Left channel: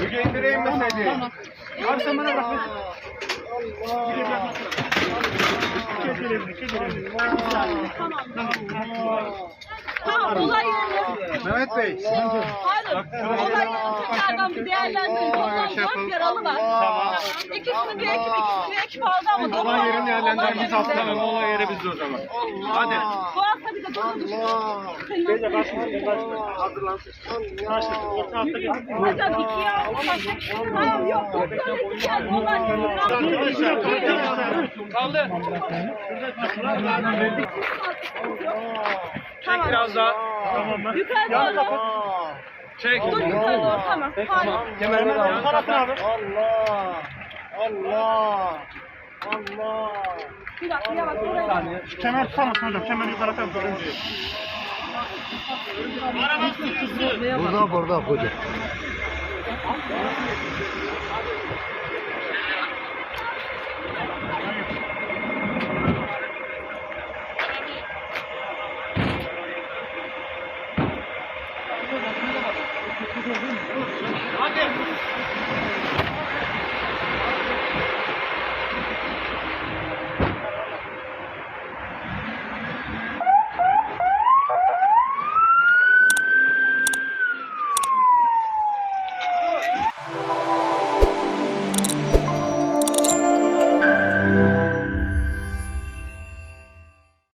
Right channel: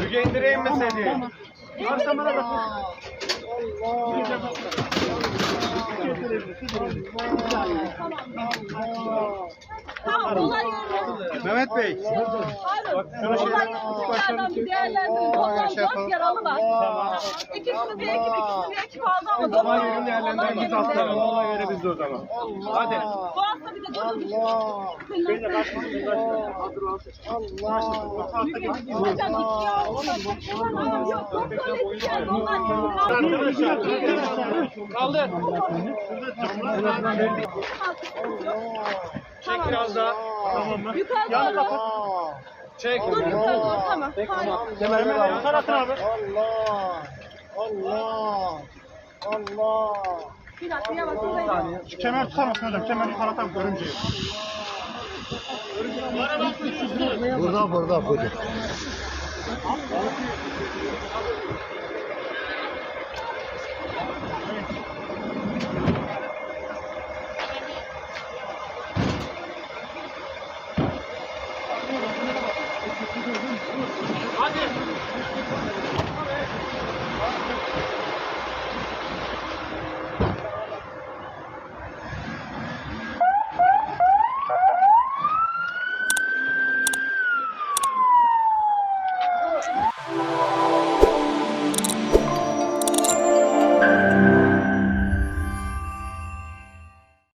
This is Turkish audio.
Müge indireyim mi seni? Arkamana bak. Tamam, olay yerine. Mehmet Bey. Hayır, olay yerine tekrardan bir değerlendirin. Toplam 4 yaralı var. Tamam. İkisini bir ekip aldı ama doktor Olay yerini olay değerlendirmemiz yerinde. haftanın olay yeri bizde o zaman. Hadi. Bu hasta bir de durdu düştü. Hocam ikiye aldı. Tamam yok. Doktor dedi ki Kaldı. Çek biraz daha. Yukarı doğru. Çek. Dur yukarı doğru tamam. Tamam. Kemerleri yan kapat. Bir dakika yavaş oraya. Kemer tutamazsın hocam. Kemer yukarı atar. Görünce. Burada hocam.